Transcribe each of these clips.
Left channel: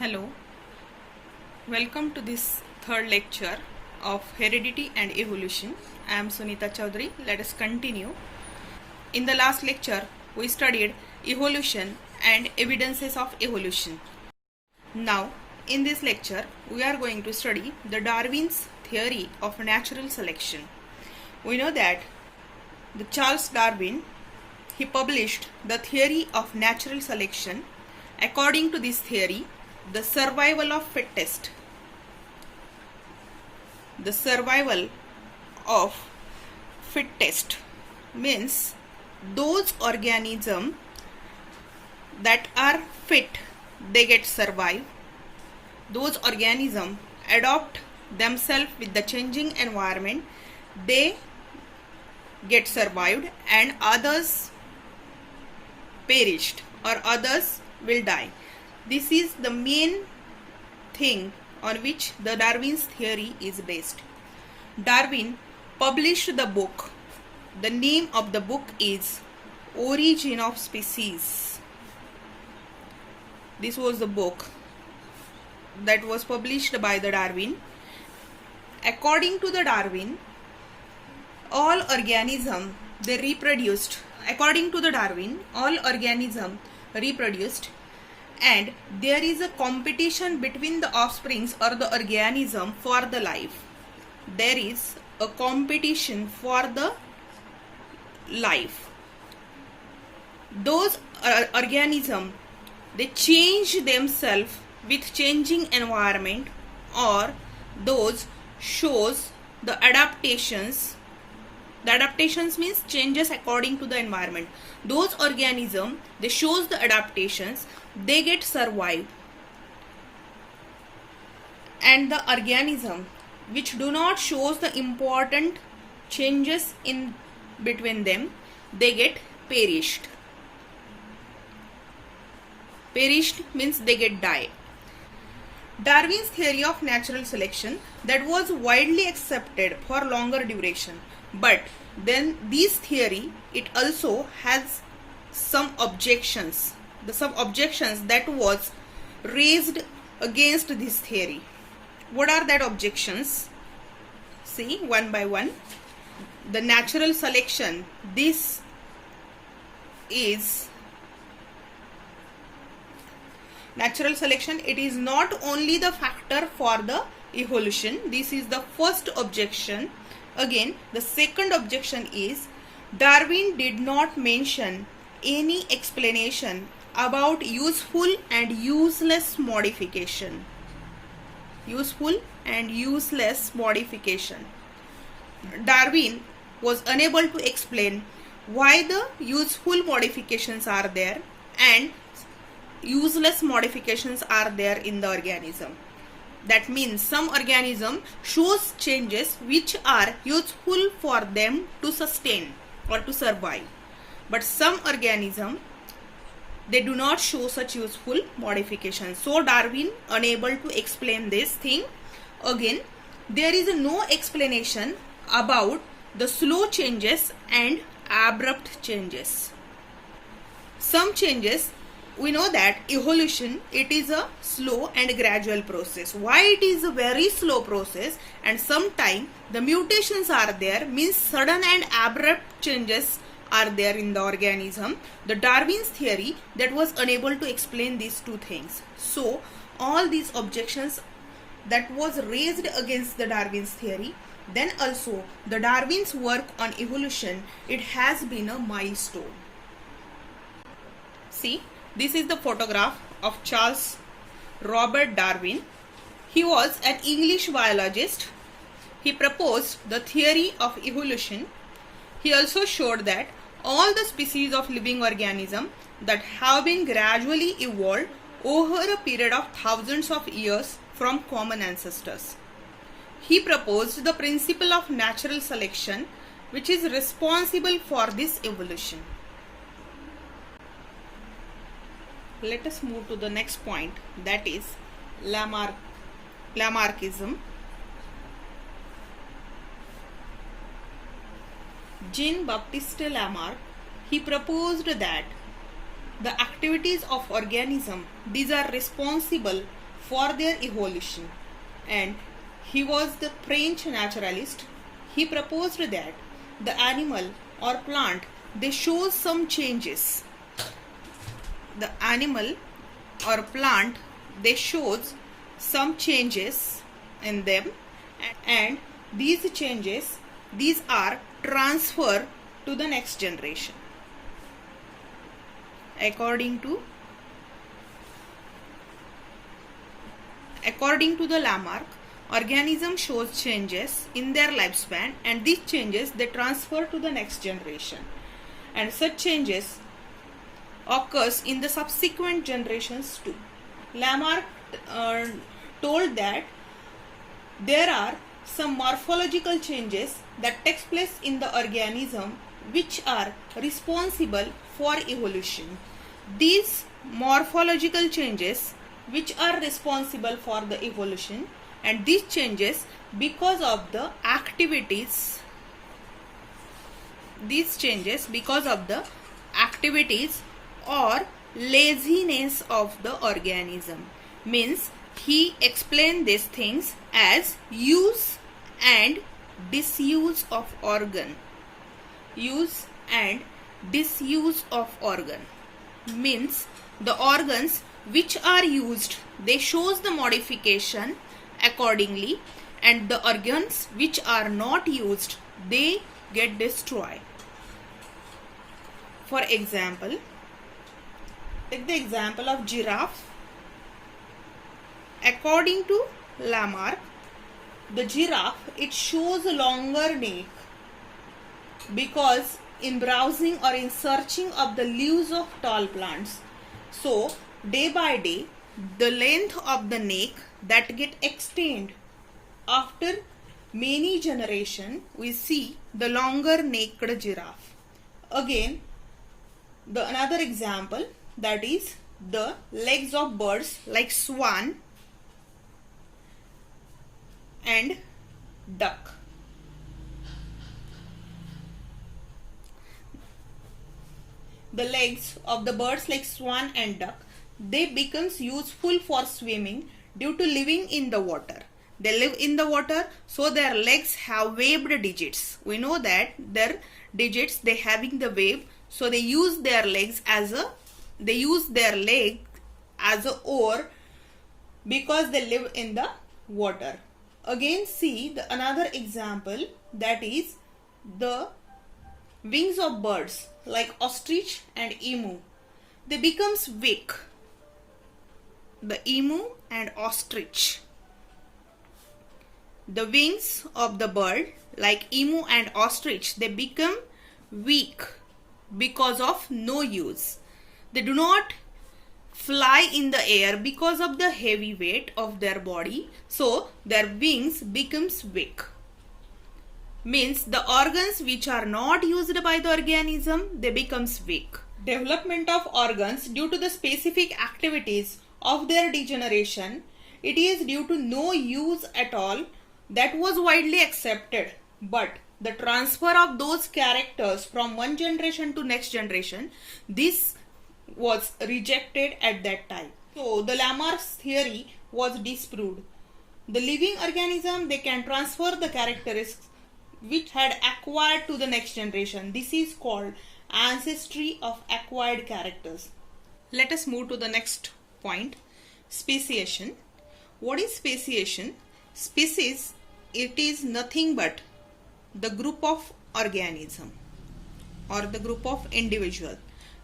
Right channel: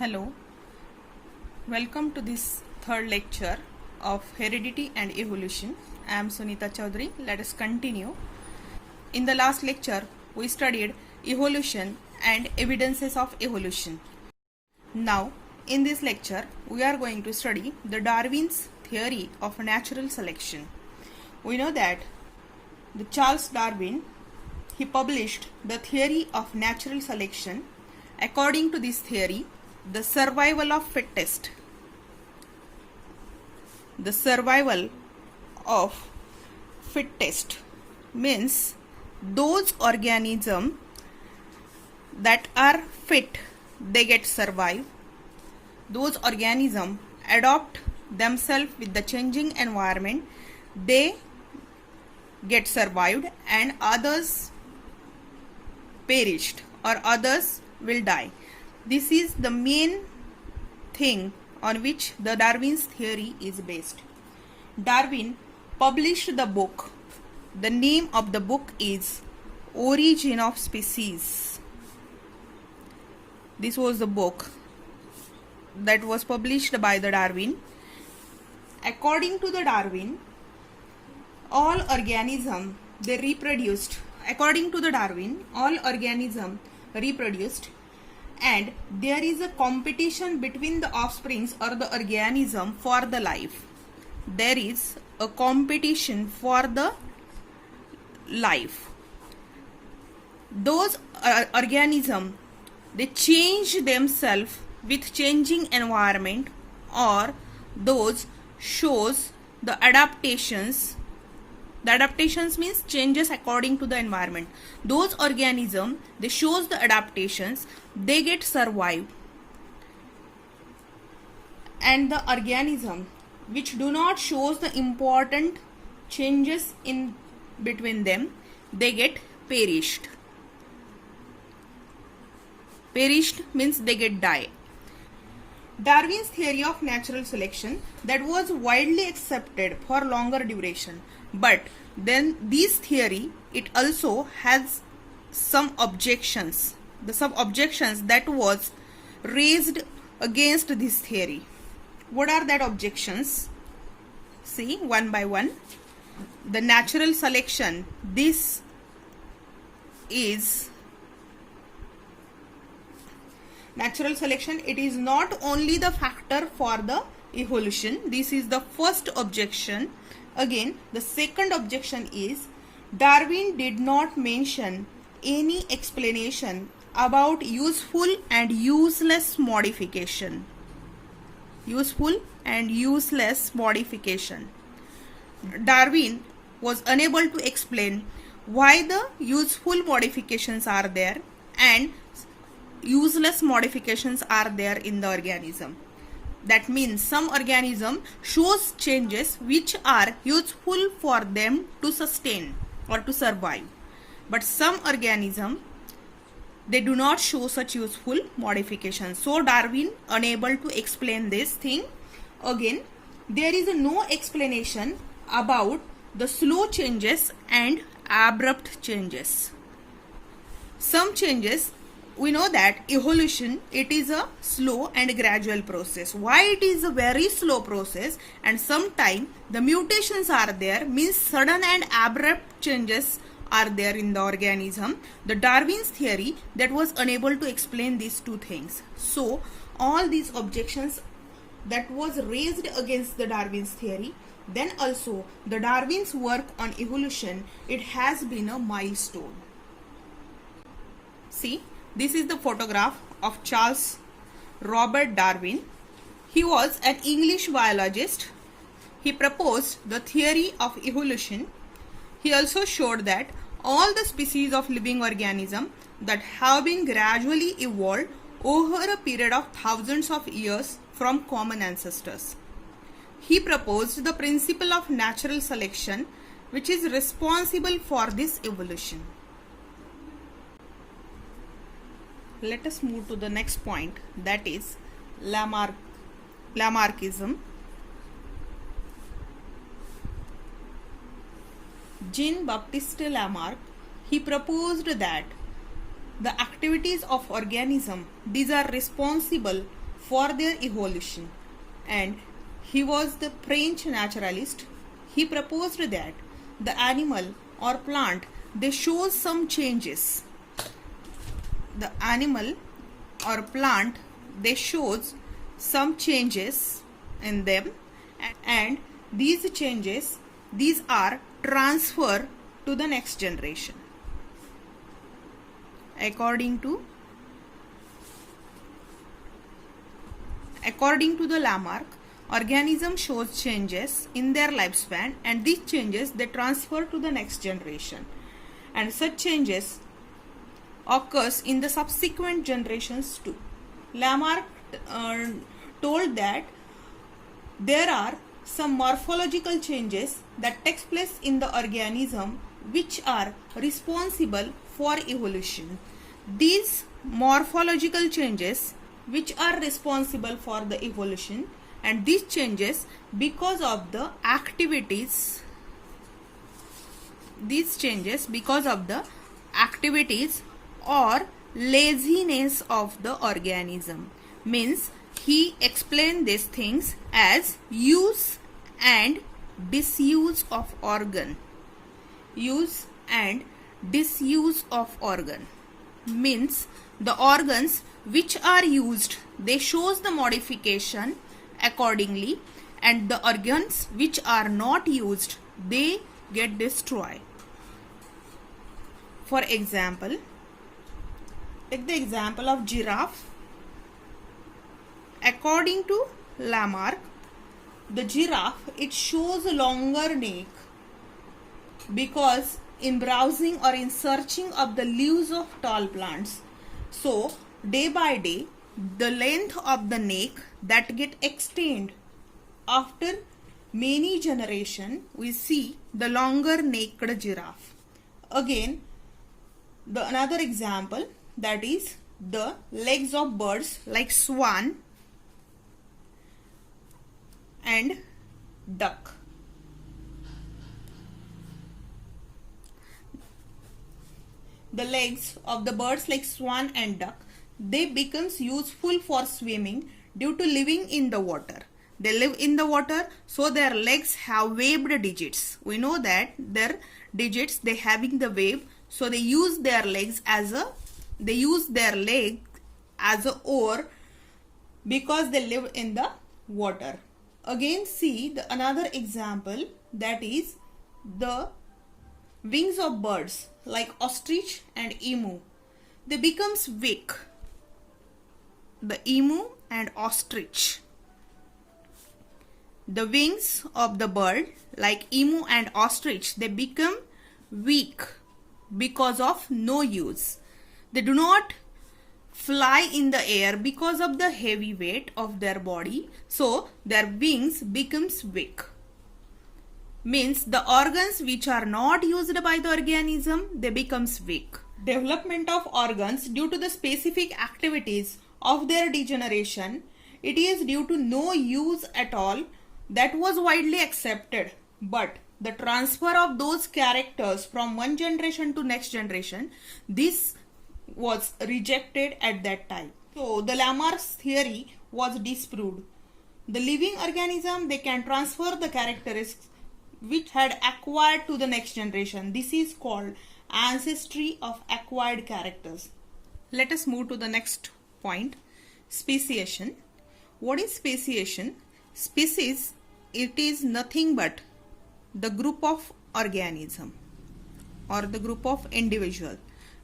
Hello, welcome to this third lecture of Heredity and Evolution. I am Sunita Chaudhary. Let us continue. In the last lecture, we studied evolution and evidences of evolution. Now, in this lecture, we are going to study the Darwin's theory of natural selection. We know that the Charles Darwin, he published the theory of natural selection. According to this theory, the survival of fittest. The survival of fittest means those organisms that are fit, they get survive. Those organisms adopt themselves with the changing environment, they get survived, and others perished or others will die. This is the main thing on which the Darwin's theory is based. Darwin published the book. The name of the book is Origin of Species. This was the book that was published by the Darwin. According to the Darwin, all organisms they reproduced. According to the Darwin, all organisms reproduced, and there is a competition between the offsprings or the organism for the life. There is a competition for the life. Those organisms they change themselves with changing environment, or those shows the adaptations. The adaptations means changes according to the environment. Those organisms they shows the adaptations, they get survived, and the organism which do not shows the important changes in between them, they get perished. Perished means they get die. Darwin's theory of natural selection that was widely accepted for longer duration, but then this theory it also has some objections. Some objections that was raised against this theory. What are that objections? See one by one. The natural selection, this is natural selection, it is not only the factor for the evolution. This is the first objection. Again, the second objection is Darwin did not mention any explanation about useful and useless modification. Useful and useless modification. Darwin was unable to explain why the useful modifications are there and useless modifications are there in the organism. That means some organism shows changes which are useful for them to sustain or to survive, but some organism they do not show such useful modifications. So Darwin unable to explain this thing. Again, there is no explanation about the slow changes and abrupt changes. Some changes, we know that evolution it is a slow and gradual process. Why it is a very slow process and sometimes the mutations are there means sudden and abrupt changes are there in the organism. The Darwin's theory that was unable to explain these two things. So all these objections that was raised against the Darwin's theory, then also the Darwin's work on evolution, it has been a milestone. See, this is the photograph of Charles Robert Darwin. He was an English biologist. He proposed the theory of evolution. He also showed that all the species of living organisms that have been gradually evolved over a period of thousands of years from common ancestors. He proposed the principle of natural selection which is responsible for this evolution. Let us move to the next point, that is Lamarckism. Jean-Baptiste Lamarck, he proposed that the activities of organism, these are responsible for their evolution, and he was the French naturalist. He proposed that the animal or plant, they show some changes. The animal or plant, they shows some changes in them, and these changes, these are transferred to the next generation. According to the Lamarck, organism shows changes in their lifespan, and these changes, they transfer to the next generation, and such changes occurs in the subsequent generations too. Lamarck told that there are some morphological changes that takes place in the organism which are responsible for evolution. These morphological changes which are responsible for the evolution, and these changes because of the activities, or laziness of the organism. Means he explained these things as use and disuse of organ. Use and disuse of organ means the organs which are used, they shows the modification accordingly, and the organs which are not used, they get destroyed. For example, take the example of giraffe. According to Lamarck, the giraffe, it shows a longer neck because in browsing or in searching of the leaves of tall plants, so day by day the length of the neck that get extend. After many generation, we see the longer necked giraffe. Again, the another example, that is the legs of birds like swan and duck. The legs of the birds like swan and duck, they becomes useful for swimming due to living in the water. They live in the water, so their legs have webbed digits. We know that their digits, they having the web, so they use their legs as a oar because they live in the water. Again, see the another example, that is the wings of birds like ostrich and emu. They becomes weak. The emu and ostrich. The wings of the bird like emu and ostrich, they become weak because of no use. They do not fly in the air because of the heavy weight of their body, so their wings becomes weak. Means the organs which are not used by the organism, they becomes weak. Development of organs due to the specific activities of their degeneration, it is due to no use at all, that was widely accepted, but the transfer of those characters from one generation to next generation, this was rejected at that time. So the Lamarck's theory was disproved. The living organism, they can transfer the characteristics which had acquired to the next generation. This is called ancestry of acquired characters. Let us move to the next point, speciation. What is speciation? Species, it is nothing but the group of organism or the group of individual.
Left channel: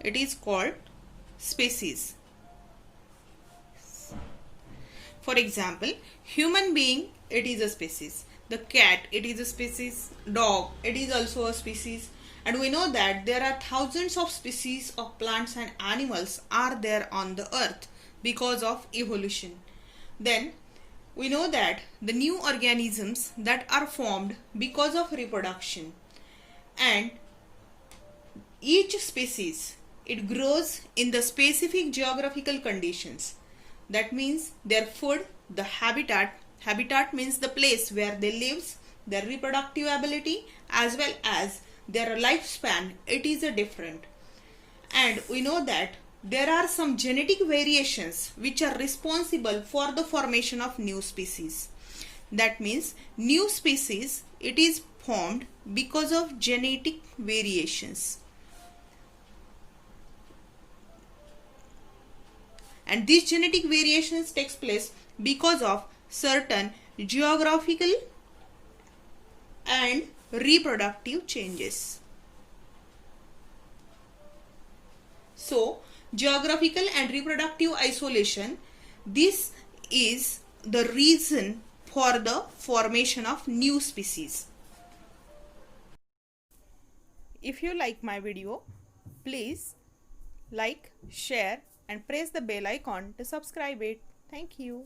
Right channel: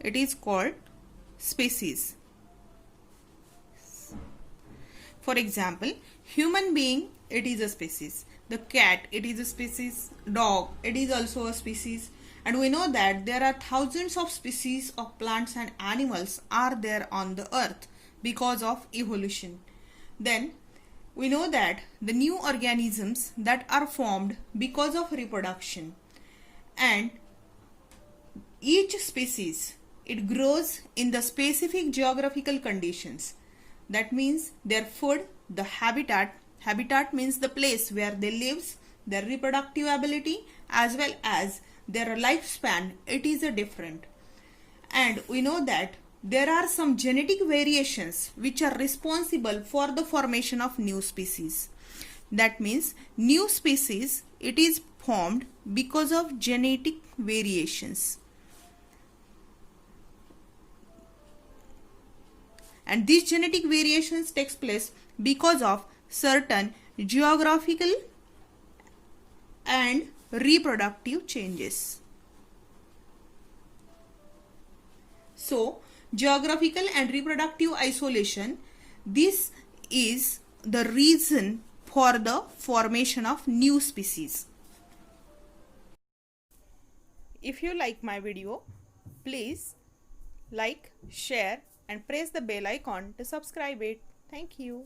It is called species. For example, human being, it is a species. The cat, it is a species. Dog, it is also a species. And we know that there are thousands of species of plants and animals are there on the earth because of evolution. Then we know that the new organisms that are formed because of reproduction, and each species, it grows in the specific geographical conditions. That means their food, the habitat means the place where they live, their reproductive ability as well as their lifespan, it is a different. And we know that there are some genetic variations which are responsible for the formation of new species. That means new species, it is formed because of genetic variations. And these genetic variations takes place because of certain geographical and reproductive changes. So, geographical and reproductive isolation, this is the reason for the formation of new species. If you like my video, please like, share and press the bell icon to subscribe it. Thank you.